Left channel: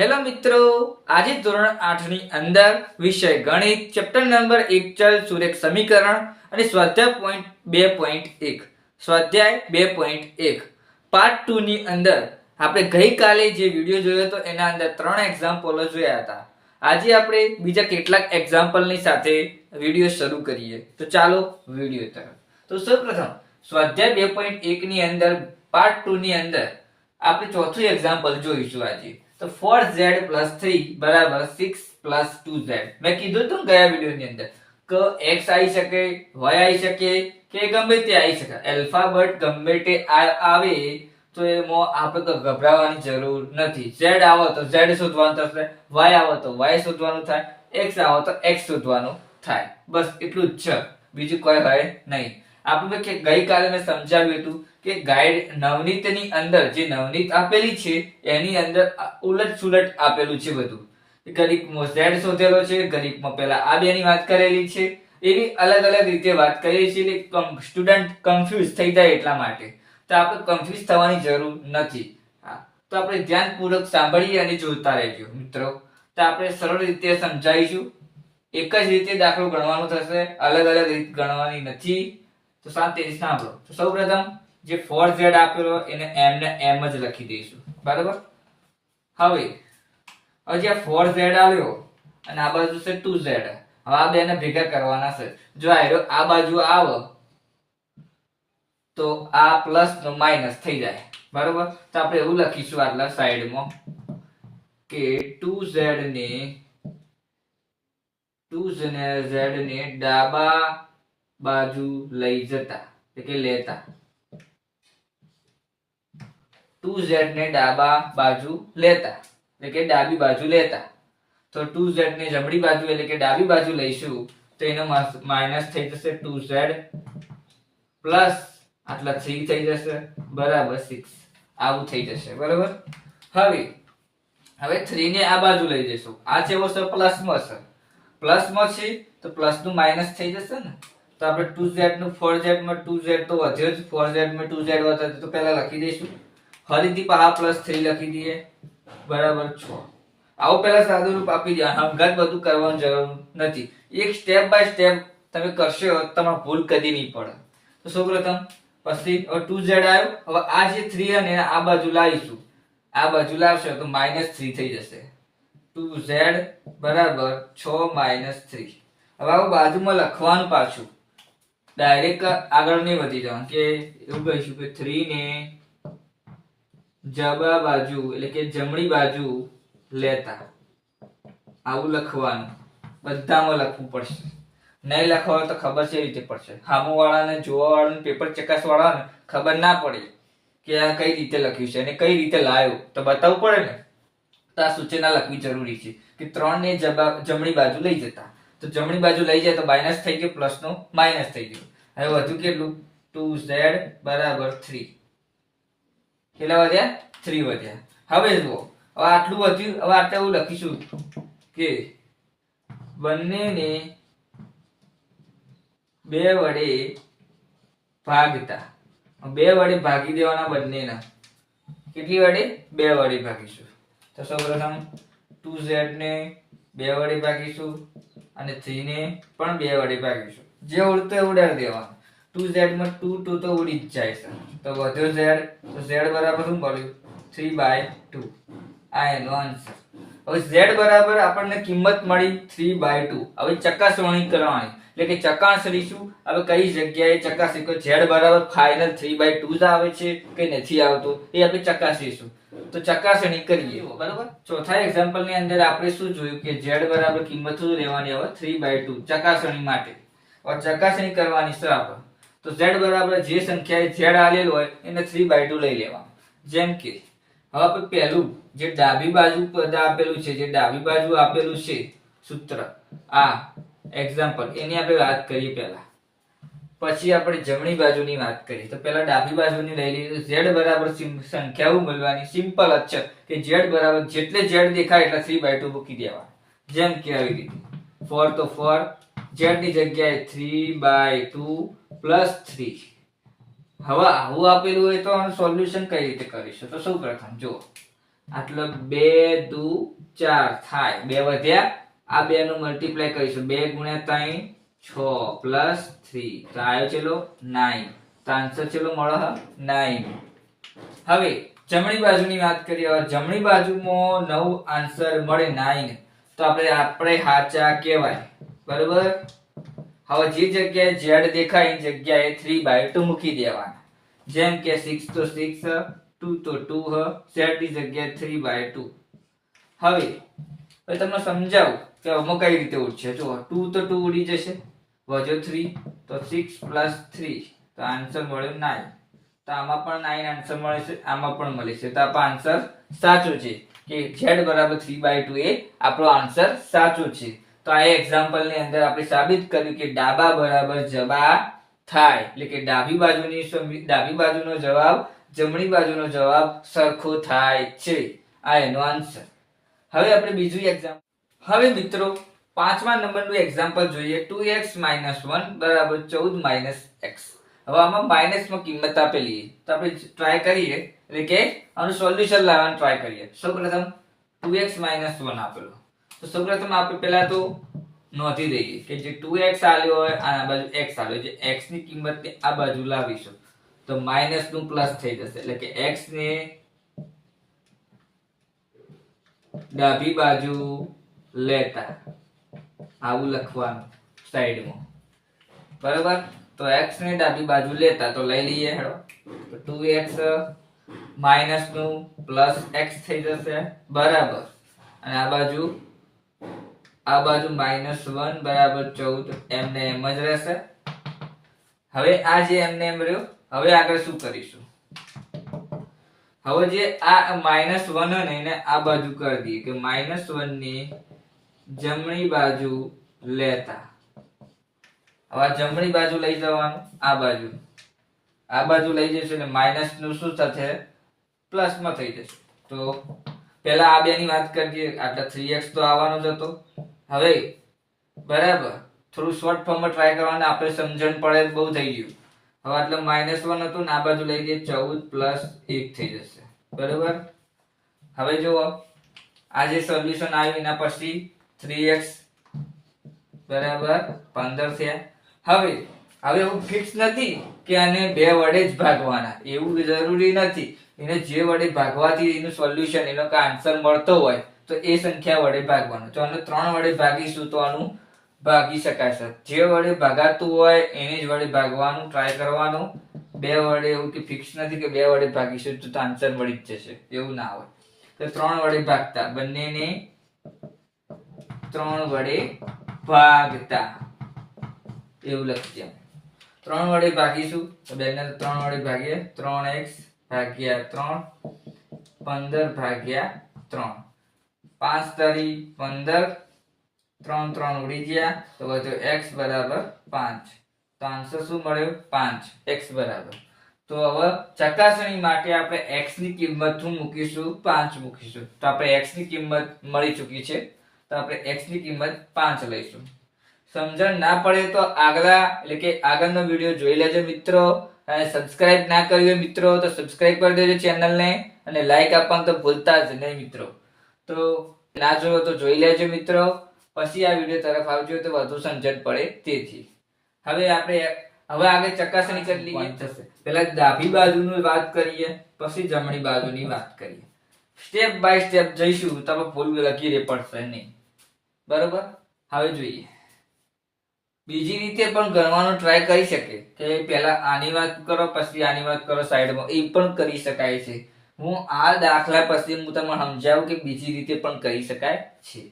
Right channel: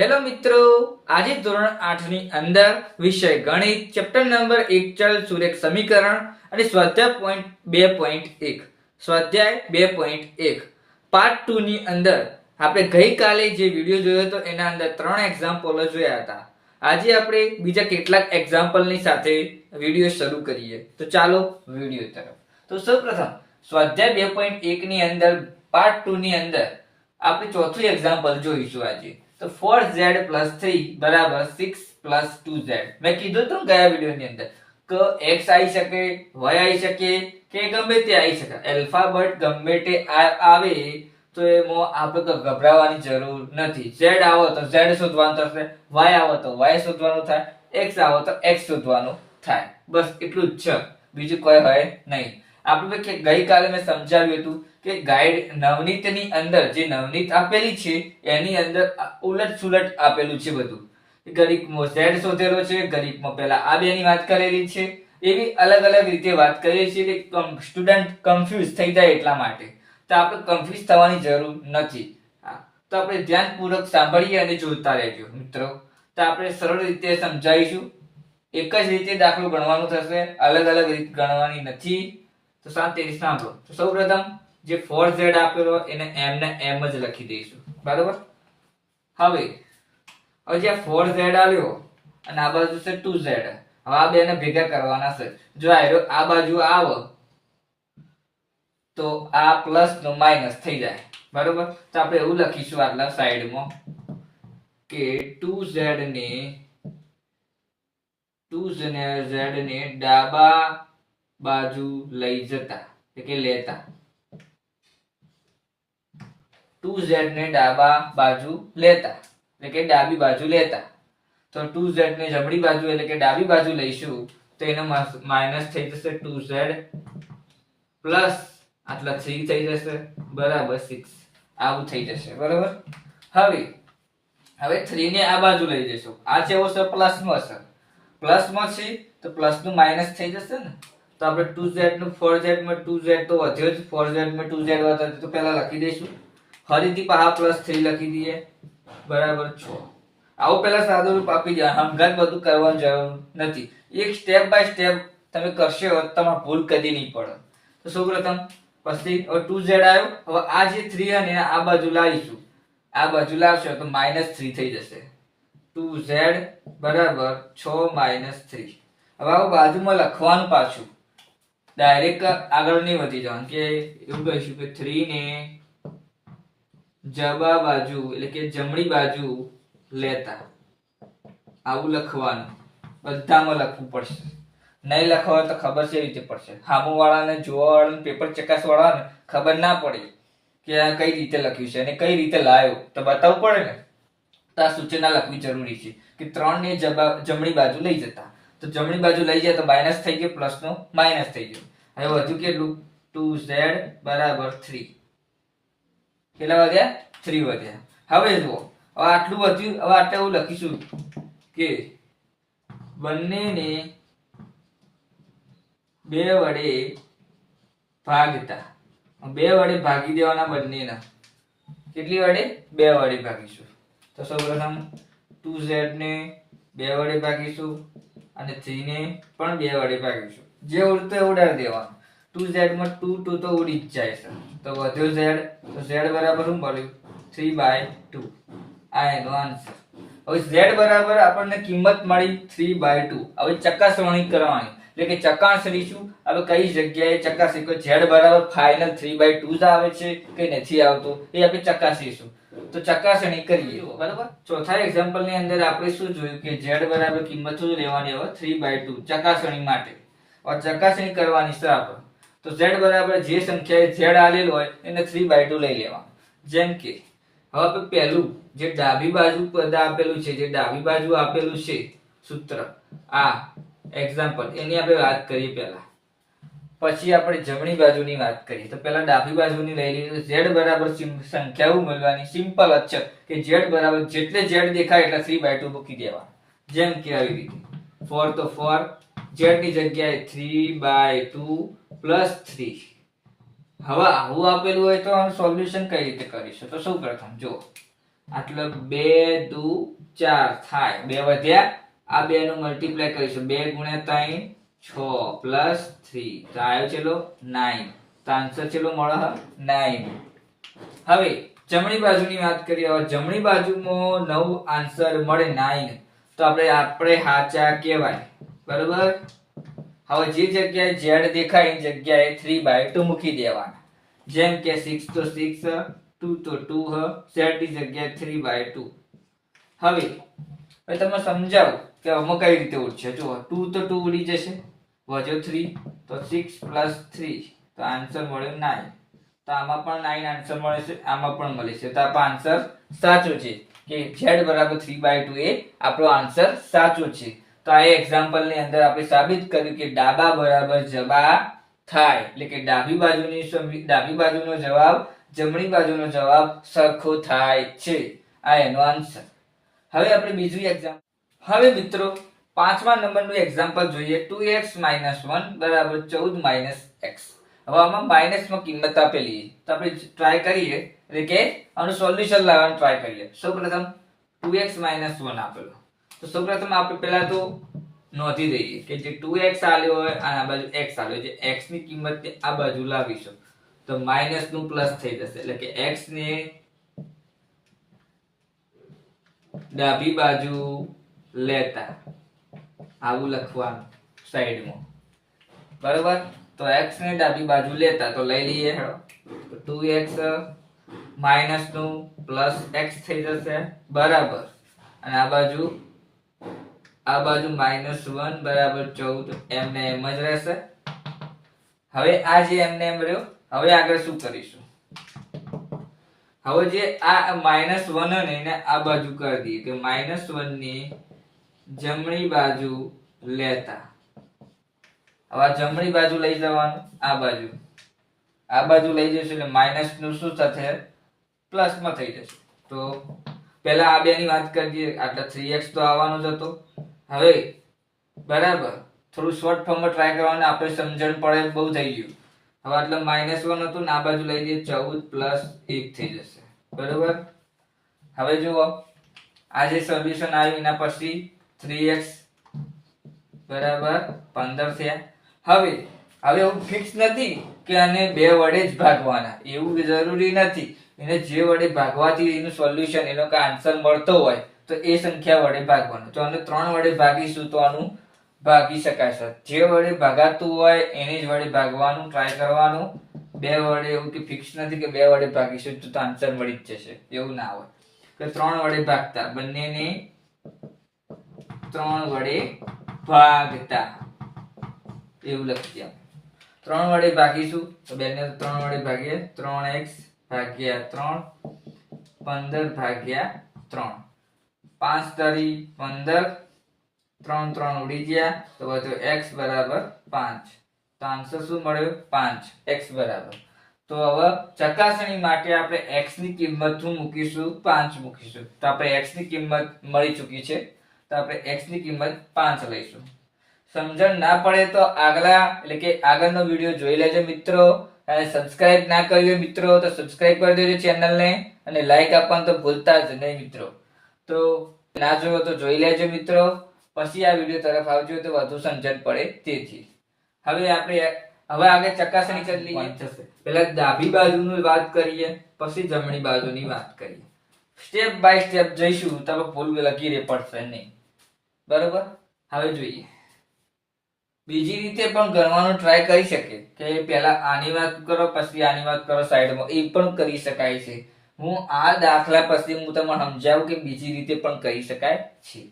Hello મિત્રો, આજે ધોરણ 8 ની અંદર વિષય ગણિત ચેપ્ટર નંબર 1 ચલ સુરેખ સમીકરણ અને સ્વાધ્યાય પોઈન્ટ 2.1 સ્વાધ્યાય 2.1 પાર્ટ 2 ની અંદર આપણે ગઈકાલે જે વિડિયો જોયો હતો એના અંદર 3 એક્ઝામ્પલો જોયા હતા. આજે આપણે બીજા કેટલાક એક્ઝામ્પલની સાથે વિડિયો શરૂ કરીએ. તો ચાલો વિડિયો તરફ. તો સૌપ્રથમ સ્વાધ્યાય 2.1 ની અંદર પાર્ટ 2 ની અંદર આપણે ચોથું એક્ઝામ્પલ જોઈશું આજે. તો 4z + 3 = 6 + 2z. મેં કીધું હતું ગયા વિડિયોની અંદર કે x આવી શકે, y આવી શકે કે ગમે તે આવી શકે. આલ્ફાબેટ ગમે તે આવે તો એમાં આપણે ગભરાવાની જરૂર નથી. z આવે તો z શોધવાનું થશે, y આવે તો y શોધવાનું થાય, x આવે તો x શોધવાનું થાય. બસ એટલું જ છે, બીજું કોઈ હોય નહીં. આપણે ગઈકાલે મેં સમજાવ્યું હતું કે ગાઈડ નવનીતની અંદર જે નવનીત આપેલી છે એની અંદર ઉલટ સુલટ આપેલું છે બધું. ગણિતમાં z શોધેલો છે, ગણિતમાં પહેલા આ બેની વાત કરેલી છે, એવી અલગ અલગ રીતે વાત કરીએ છીએ કે સ્ટુડન્ટ કન્ફ્યુઝ થઈ જાય એટલા માટે. તો આપણે કન્ફ્યુઝ થવાની જરૂર નથી. તો આપણે ધ્યાનપૂર્વક સાંભળીએ અને જોતા રહેજો મિત્રો. તો આપણે સરળ રીતે સમજાવીશું. એક જ રીતે દાખલો ગણવાનો થશે, અલગ અલગ રીત ગણવાની નથી. તો શાંતિથી સાંભળો. તો સૌપ્રથમ જે 4z આપેલો એને m ને m જ લખી દઈશું, બરાબર. હવે જે 4z આવ્યો અને આ બાજુ છે 2z. હવે આ બેને ભેગા કરવાના છે. જો આ બાજુ આવે તો આ પ્લસ નો માઈનસ થઈ જાય, બરાબર. તો આપણે એવું લખીશું આટલા સાઈડમાં કે 2z ને ડાબા બાજુ લઈ જતા, એટલે કે લેતા. 2z ને ડાબા બાજુ લેતા એટલે કે ડાબી બાજુ લેતા. તો 2z ને જમણી બાજુ એટલે કે ડાબી બાજુ લઈશું તો એનો માઈનસ થઈ જશે 2z પ્લસ આટલા 3 થઈ જશે બરાબર 6. આવું થઈ જશે, બરાબર. હવે 3 ને આ બાજુ લઈ જઈશું. આ છે वो પ્લસમાં છે, પ્લસમાં છે તો પ્લસ નું માઈનસ થઈ જશે ને. તો આપણે 2z નું 4z માં 2z તો વધ્યો જ, 4z માં 2z વધે તો પહેલા લખી દઈશું. ફરીથી પાછા +3 લખી દઈએ બરાબર 6. આવું પહેલા સાદું રૂપ આપી દે. હંગાત બધું કરવાની જરૂર નથી. એક સ્ટેપ બાય સ્ટેપ તમે કરશો તમારે ભૂલ કદી નહીં પડે. તો સૌપ્રથમ પછી 2z આવ્યો. હવે આ જે 3 અને આ બાજુ લાવીશું, આ બાજુ લાવશો તો -3 થઈ જશે. 2z બરાબર 6 - 3. હવે આ બાજુમાં લખવાનું પાછું, ડાયરેક્ટ આગળ નહીં વધી જવાનું. કે એવું કહીશું કે 3 ને જબા બાજુ એટલે કે જમણી બાજુ લેતા. આવું લખવાનું, બધામાં લખવું પડશે. નહીં લખવા તો ખબર છે રીતે પડશે. સામુ વાળાને, જોવા વાળાને, પેપર ચકાસવા વાળાને ખબર ના પડે કે આ કઈ રીતે લખ્યું છે અને કઈ રીતે લાવ્યો, તો બતાવવું પડે ને. તો આ સૂચના લખવી જરૂરી છે કે 3 ને જમણી બાજુ લઈ જતા. તો જમણી બાજુ લઈ જાય તો માઈનસ થઈ ગયો, પ્લસ નો માઈનસ થઈ ગયો. હવે વધુ કેટલું? 2z બરાબર 3. કેટલા વધ્યા? 3 વધ્યા. હવે જુઓ, હવે આટલું વધ્યું. હવે આપણે એવું લખીશું કે બંનેને 2 વડે ભાગતા. 2 વડે ભાગી દેવાના બંનેના. કેટલી વડે? 2 વડે ભાગીશું. તો સૌપ્રથમ 2z ને 2 વડે ભાગીશું અને 3 ને પણ 2 વડે ભાગીશું. જે ઉડતો એ ઉડાડી દેવાનું. 2z માં 2 તો ઉડી જ જાય છે. તો વધ્યો z. તો z બરાબર શું મળ્યું? 3/2. આ એનો આન્સર. હવે z બરાબર આપણને કિંમત મળી 3/2. હવે ચકાસણી કરવાની એટલે કે ચકાસણી શું? હવે કઈ જગ્યાએ ચકાસી કે z બરાબર ફાઇનલ 3/2 જ આવે છે કે નથી આવતો એ આપણે ચકાસીશું. તો ચકાસણી કરીએ, બરાબર. ચોથા એક્ઝામ્પલ ની અંદર આપણે શું જોયું કે z બરાબર કિંમત શું લેવાની? હવે 3/2 ચકાસણી માટે. और ચકાસણી કરવાની છે આપણે. તો z બરાબર જે સંખ્યાએ z આલેલ હોય એને 3/2 લઈ લેવાનું. જેમ કે હવે આપણે પહેલું જે ડાબી બાજુ પદ આપેલું છે, જે ડાબી બાજુ આપેલું છે સૂત્ર, આ એક્ઝામ્પલ એની આપણે વાત કરીએ પહેલા, પછી આપણે જમણી બાજુની વાત કરીએ. તો પહેલા ડાબી બાજુની લઈ લઈએ. તો z બરાબર સંખ્યાઓ મળવાની સિમ્પલ જ છે કે z બરાબર જેટલે z દેખાય એટલે 3/2 મૂકી દેવા. જેમ કે આવી રીતે 4 તો 4, z ની જગ્યાએ 3/2 + 3. હવે આવું આપેલું હોય તો સોલ્યુશન કઈ રીતે કરીશું? તો સૌપ્રથમ જો આટલો 2 દુ 4 થાય 2 વધ્યા આ બે નું મલ્ટીપ્લાય કરીશું 2 ગુણ્યા 3 6 પ્લસ 3 તો આવ્યો ચેલો 9 તો આન્સર ચેલો મળે 9 હવે જમણી બાજુની વાત કરીએ હવે જમણી બાજુમાં 9 આન્સર મળે 9 તો આપણે સાચા કહેવાય બરાબર હવે જે જગ્યાએ z દેખાય એ જગ્યાએ 3/2 મૂકી દેવાના જેમ કે 6 તો 6 2 તો 2 z ની જગ્યાએ 3/2 હવે તમને સમજાવું કે આમાં કઈ રીતે ઉડશે જો 2 તો 2 ઉડી જશે વધ્યો 3 તો 6 પ્લસ 3 તો આન્સર મળ્યો 9 તો આમાં પણ 9 આન્સર મળે છે આમાં પણ મળે છે તો આપણો આન્સર સાચો છે કે z બરાબર 3/2 એ આપણો આન્સર સાચો છે તો આ એક્ઝામ્પલ ની અંદર આપણે સાબિત કર્યું કે ડાબા બરાબર જબા થાય એટલે કે ડાબી બાજુનો જવાબ જમણી બાજુનો જવાબ સરખો થાય છે આ એનો આન્સર હવે આપણે બીજું એક્ઝામ્પલ હવે મિત્રો પાંચમા નંબરનું એક્ઝામ્પલ જોઈએ 2x - 1 બરાબર 14 - x હવે આમાં માઈનસમાં કિંમત આપેલી તો આપણે ટ્રાય કરીએ એટલે કે આનું સોલ્યુશન લાવવાનું ટ્રાય કરીએ સૌપ્રથમ 2x - 1 આપેલો તો સૌપ્રથમ આપણે પહેલા તો નોંધી દઈએ કે જે 2x આલ્યો હોય આના બાજુ x આલ્યો જે x ની કિંમત આ બાજુ લાવીશું તો માઈનસ નું પ્લસ થઈ જશે એટલે કે x ને ડાબી બાજુ લેતા આવું લખવાનું સાઈડમાં બરાબર તો x ને ડાબી બાજુ લેતા તો લઈ લઈએ હેડો તો 2x માઈનસ નું પ્લસ x થઈ જશે બરાબર અને આ બાજુ -1 બરાબર 14 એમને એમ જ રહેશે હવે આ જે એમને એમ રહ્યો હવે આગળ શું કરીશું હવે જે આ -1 ને એને આ બાજુ કરી દઈએ કે -1 ની જમણી બાજુ લેતા હવે જમણી બાજુ લઈ જવાનું આ બાજુ લઈ જઈશું એટલે માઈનસ નું શું થશે પ્લસ માં થઈ જશે તો પહેલા આ બે ની વાત કરીએ આટલા 3x તો આવવાનો જ હતો હવે બરાબર થોડું શોર્ટ ફોર્મમાં ટ્રાય કરવાનું આપણે સમજણ પડે બહુ થઈ ગયું હવે આટલે -1 હતું ને આ બાજુ લઈ જઈએ 14 + 1 થઈ જશે બરાબર હવે જુઓ આ જે સોલ્યુશન આવ્યું એના પછી 3x બરાબર 15 થયા હવે એવું ફિક્સ નથી કે આને 2 વડે જ ભાગવાના એવું જરૂરી નથી એને જે વડે ભાગવાથી એનું સોલ્યુશન એનો કે આન્સર મળતો હોય તો એ સંખ્યા વડે ભાગવાનું તો આને 3 વડે ભાગીશું તો આનું ભાગી શકાય છે જે વડે ભાગાતું હોય એને જ વડે ભાગવાનું ટ્રાય કરવાનું 2 વડે એવું કે ફિક્સ નથી કે 2 વડે ભાગીશું તો આન્સર મળી જ જશે એવું ના હોય તો 3 વડે ભાગતા બંનેને 3 વડે ભાગતા એવું લખીએ 3 વડે ભાગીશું તો બેને 3 વડે ભાગીએ 3x ભાગ્યા 3 15 ભાગ્યા 3 5 તારી 15 3 3 ઉડી ગયા તો વધ્યો x બરાબર 5 તો આન્સર શું મળ્યો 5 x બરાબર તો હવે ચકાસણી માટે આપણે x ની કિંમત શું મૂકીશું 5 મૂકીશું તો આપણે x ની કિંમત મળી ચૂકી છે તો આપણે x ની કિંમત 5 લઈશું સમજણ ના પડે તો આગળનો વિડિયો જોઈ લેજો મિત્રો અને સબસ્ક્રાઇબ ના કર્યું હોય મિત્રો તો સબસ્ક્રાઇબ કરી દેજો ચેનલને અને લાઈક આપવાનું તો ભૂલતા જ નહીં મિત્રો તો ના જોયો તો જોઈ લેજો મિત્રો પછી આ વિડિયો તરફ આવજો તો વધુ સમજણ પડે તેથી હવે આગળ ચકાસણી કરી લઈએ થશે પહેલા ડાબી બાજુની વાત કરીએ પછી જમણી બાજુની વાત કરીએ સ્ટેપ બાય સ્ટેપ જઈશું તો ભૂલ લખી રે પડશે નહીં બરોબર હવે જોઈએ બીજી રીતે પણ ગણવાનો ટ્રાય કરી શકે કે પહેલા આની વાત કરો પછી આની વાત કરો સાઈડમાં એ પણ કરી શકાય છે હું આ દાખલા પછી હું તમને સમજાવું કે બીજી રીતે પણ કરી શકાય છે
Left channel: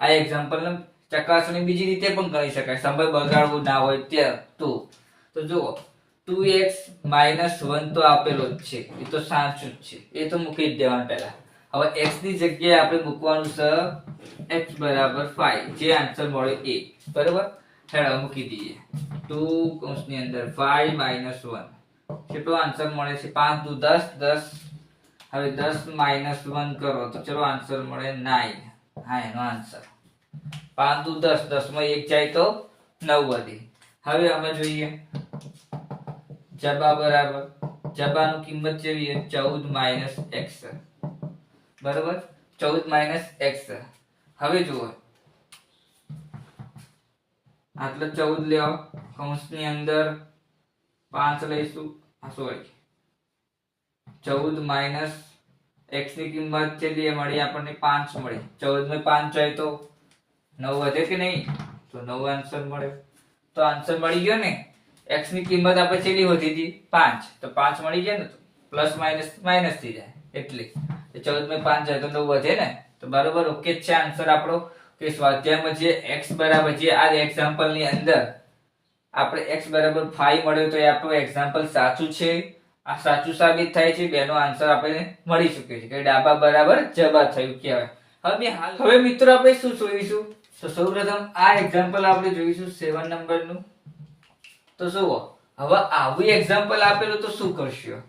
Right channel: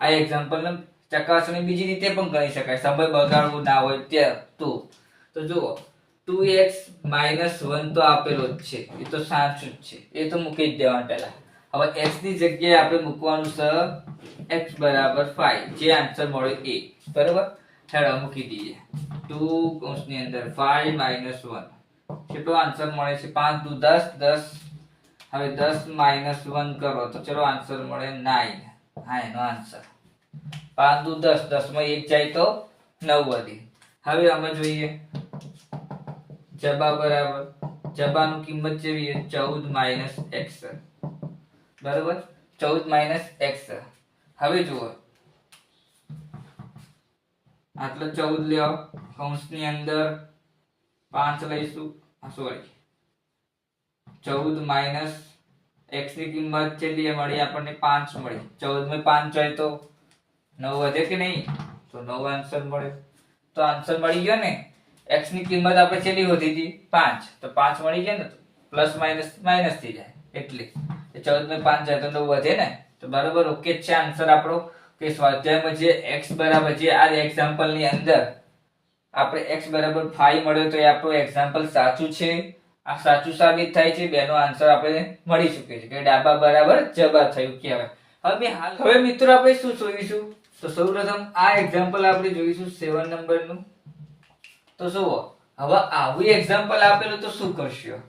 આ એક્ઝામ્પલ ને ચકાસણી બીજી રીતે પણ કરી શકાય સમય બગાડવું ના હોય ત્યાં તો જુઓ 2x - 1 તો આપેલો જ છે એ તો સાચું જ છે એ તો મૂકી જ દેવાનું પહેલા હવે x ની જગ્યાએ આપણે મૂકવાનું છે x બરાબર 5 જે આન્સર મળે એ બરાબર હેડો મૂકી દઈએ 2 કૌંસની અંદર 5 - 1 કેટલો આન્સર મળે છે 5 દુ 10 10 હવે 10 - 1 કરો તો ચલો આન્સર મળે 9 હા એનો આન્સર 5 દુ 10 10 માં 1 જાય તો 9 વધી હવે અમે જોઈએ જબા બરાબર જબાનું કિંમત જોઈએ 14 - x બરોબર, 14 માઇનસ એક્સ. હવે જુઓ, આટલો 14 લ્યો, કૌંસની અંદર 5 લઈશું, સોરી 14 માઇનસ એક્સ ની કિંમત કેટલી મળી આપણને? 5 મળી. 14 માં 5 જાય તો 9 વધે કે નહીં? તો 9 આન્સર મળ્યો. તો આન્સર મળી ગયો ને. x ની કિંમત આપણે કેટલી વધી હતી? 5. તો 5 મળી જાય ને, પ્લસ માઇનસ માઇનસ થઈ જાય, એટલે 14 માં 5 જાય તો 9 વધે ને. તો બરોબર, ઓકે છે આન્સર આપણો. કે સ્વાધ્યાયમાં જે x બરાબર, જે આ એક્ઝામ્પલ ની અંદર આપણે x બરાબર 5 મળ્યો, તો એ આપણું એક્ઝામ્પલ સાચું છે. આ સાચું સાબિત થાય છે. બેનો આન્સર આપણે મળી શકે છે કે ડાબા બરાબર જબા થયું કહેવાય. હવે મિત્રો આપણે શું જોઈશું? તો સૌપ્રથમ આ એક્ઝામ્પલ આપણે જોઈશું 7 નંબરનું. તો જુઓ, હવે આવું એક્ઝામ્પલ આપેલું તો શું કરશું?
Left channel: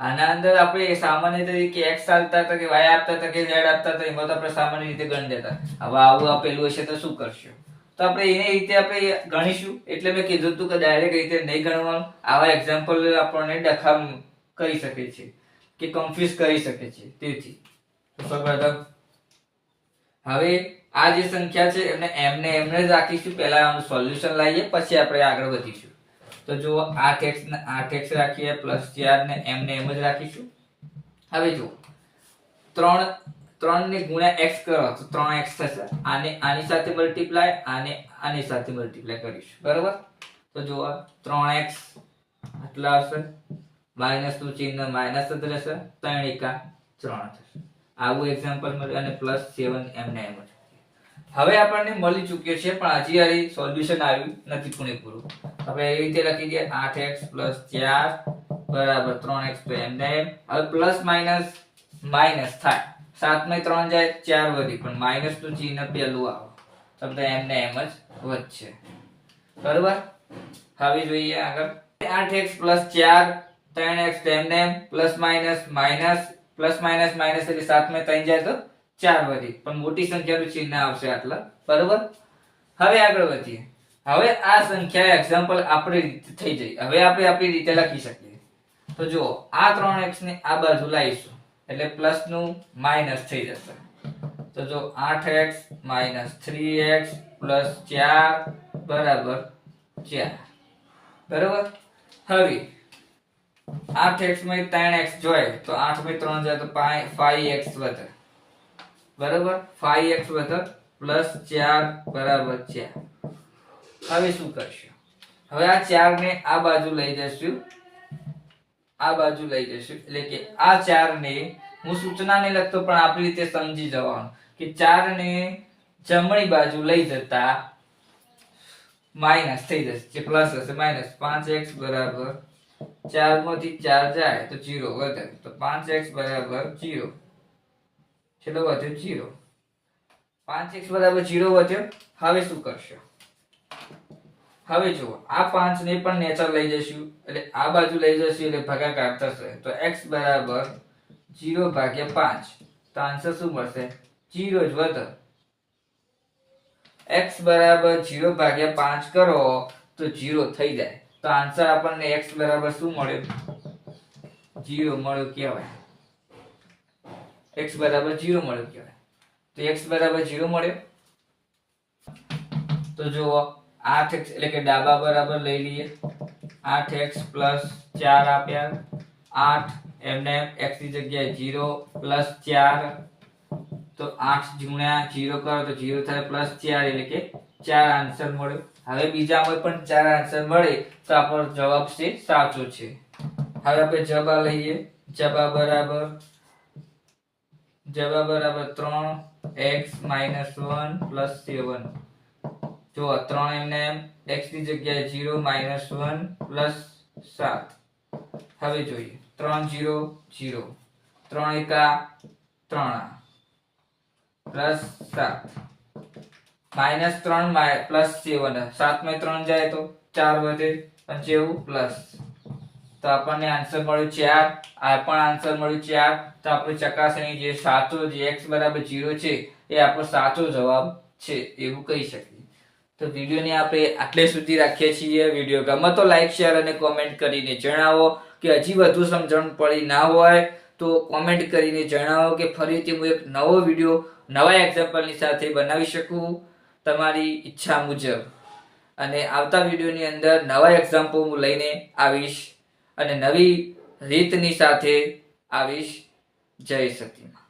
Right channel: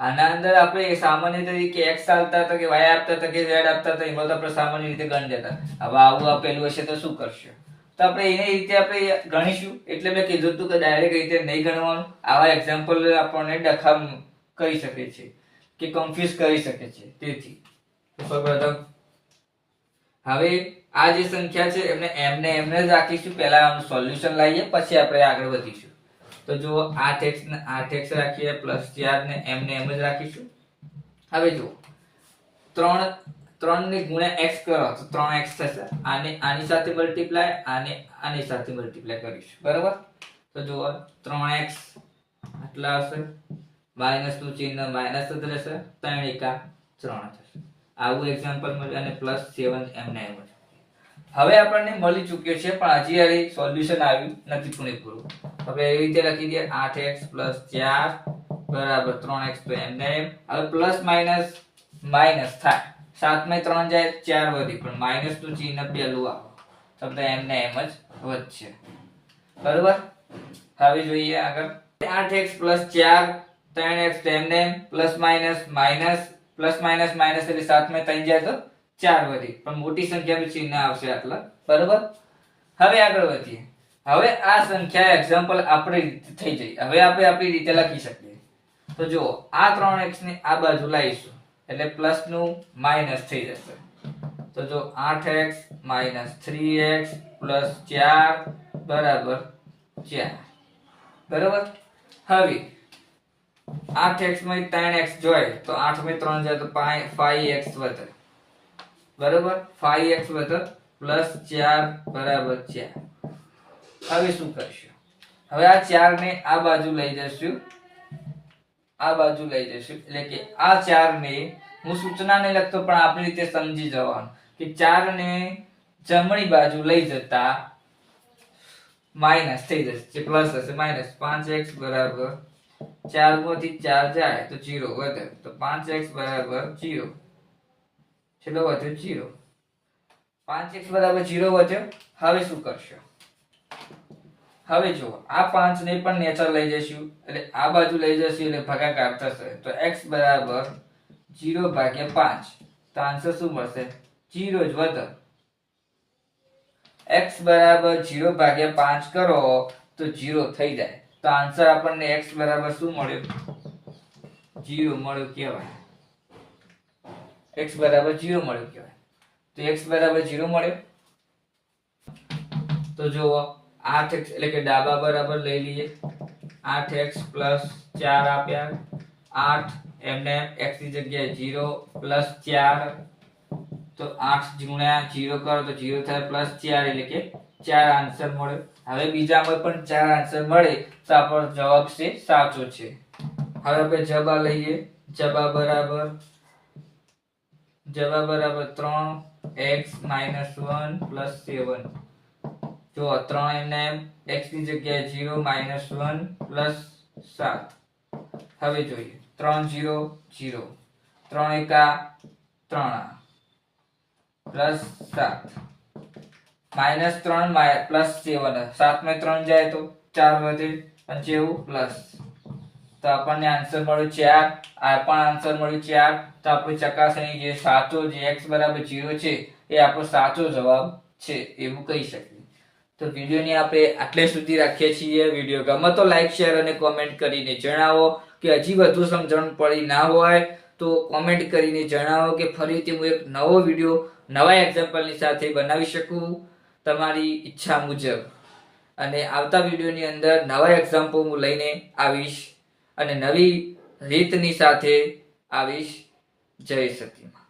આના અંદર આપણે સામાન્ય તરીકે x આપતા હતા કે y આપતા હતા કે z આપતા હતા, એમાં તો આપણે સામાન્ય રીતે ગણી દેતા. હવે આવું આપેલું હશે તો શું કરશું? તો આપણે એની રીતે આપણે ગણીશું. એટલે મેં કીધું હતું કે ડાયરેક્ટ રીતે નહીં ગણવાનું. આવા એક્ઝામ્પલ આપણને ડખા કરી શકે છે કે કન્ફ્યુઝ કરી શકે છે. તેથી સૌપ્રથમ હવે આ જે સંખ્યા છે એમને એમને જ રાખીશું. પહેલા આનું સોલ્યુશન લાવીએ, પછી આપણે આગળ વધીશું. તો જુઓ, 8x રાખીએ, પ્લસ 4 ને એમને એમ જ રાખીશું. હવે જુઓ, 3 ને ગુણ્યા x કરો તો 3x થશે. આની સાથે મલ્ટીપ્લાય, આની સાથે મલ્ટીપ્લાય કરીશું. બરાબર, તો જુઓ 3x આટલા હશે, માઈનસ નું ચિહ્ન માઈનસ જ રહેશે, 3 એકા 3 થશે. આવું એક્ઝામ્પલ મળ્યું. અને પ્લસ 7 એમને એમ જ. હવે આપણને મળી ચૂક્યો છે, પણ હજી આ સોલ્યુશન આવ્યું નથી પૂરેપૂરું. આપણે એ રીતે લખી દઈએ 8x + 4 બરાબર 3x. તો એમને એમ. હવે પ્લસ માઈનસ માઈનસ થાય, 7 માં 3 જાય 4 વધી, પણ માઈનસ નું ચિહ્ન પેલું આવે, શબ્દ એમને એમ જ વધશે. બરોબર, હવે જોઈએ આગળ. 8x + 4 3x તો એમને એમ, plus minus minus, plus minus minus એટલે 7 માં 3 જાય તો 4 વધી, પણ મોટી સંખ્યાનું ચિહ્ન આવશે આટલા. બરોબર, હવે આગળ વધીએ. હવે આ સંખ્યા એક્ઝામ્પલ આપણી રીતે થઈ જાય. હવે આપણે આપણી રીતે લખી શકીએ. તો જુઓ, આ 3x ને આ બાજુ લાવીશું એટલે પ્લસ નું માઈનસ થઈ જશે. તો જો 8x - 3x + 4 બરાબર 4. બરાબર, હવે 8x માં 3x જોઈએ તો 8 માં 3 જાય તો 5x વધે. બરાબર, 5x વધે, પ્લસ 4 બરાબર 4. હવે શું કરશું? હવે આ 4 ને આ બાજુ લઈ જશું, આ બાજુ લઈ જશું, એટલે કે આ 4 ને હું સૂચના ને લખતો પણ આપણી રીતે સમજી જવાનું કે 4 ને જમણી બાજુ લઈ જતા માઈનસ થઈ જશે, જે પ્લસ હશે માઈનસ. 5x બરાબર 4 માંથી 4 જાય તો 0 વધે, તો 5x બરાબર 0. ચલો વધ્યો 0. 5x બરાબર 0 વધ્યો. હવે શું કરશો? હવે જુઓ, આ 5 ને પણ નેચર લઈ જઈશું, એટલે આ બાજુ લઈ જઈશું એટલે ભાગાકાર થશે. તો x બરાબર 0/5. તો આન્સર શું મળશે? 0 જ વધે. x બરાબર 0/5 કરો તો 0 થઈ જાય. તો આન્સર આપણને x બરાબર શું મળ્યું? 0 મળ્યું કહેવાય. x બરાબર 0 મળ્યું કહેવાય. તો x બરાબર 0 મળ્યો. તો જુઓ, 8x એટલે કે ડાબા બરાબર લઈ લઈએ. 8x + 4 આપ્યા, 8 એમને x ની જગ્યાએ 0 + 4. તો 8 ગુણ્યા 0 કરો તો 0 થાય, પ્લસ 4 એટલે કે 4 આન્સર મળ્યો. હવે બીજામાં પણ 4 આન્સર મળે તો આપણો જવાબ છે સાચો છે. હવે આપણે જવાબ લઈએ. જવાબ બરાબર 3x - 1 + 7. જો 3 એમને x ની જગ્યાએ 0 - 1 + 7. હવે જોઈએ, 3 0 0, 3 એકા 3 + 7, -3 + 7. 7 માં 3 જાય તો 4 વધે, અને જેવું પ્લસ. તો આપણને આન્સર મળ્યો 4. આ પણ આન્સર મળ્યો 4. તો આપણી ચકાસણી જે સાચો, જે x બરાબર 0 છે એ આપણો સાચો જવાબ છે એવું કહી શકીએ. તો વિડીયોને આપણે આટલે સુધી રાખીએ છીએ. વિડીયો ગમે તો લાઈક, શેર અને કોમેન્ટ કરીને જણાવો. કે હજી વધુ સમજણ પડી ના હોય તો કોમેન્ટ કરીને જણાવો કે ફરીથી હું એક નવો વિડીયો નવા એક્ઝામ્પલની સાથે બનાવી શકું તમારી ઈચ્છા મુજબ. અને આવતા વિડીયોની અંદર નવા એક્ઝામ્પલ હું લઈને આવીશ અને નવી રીતની સાથે આવીશ. જય સતી.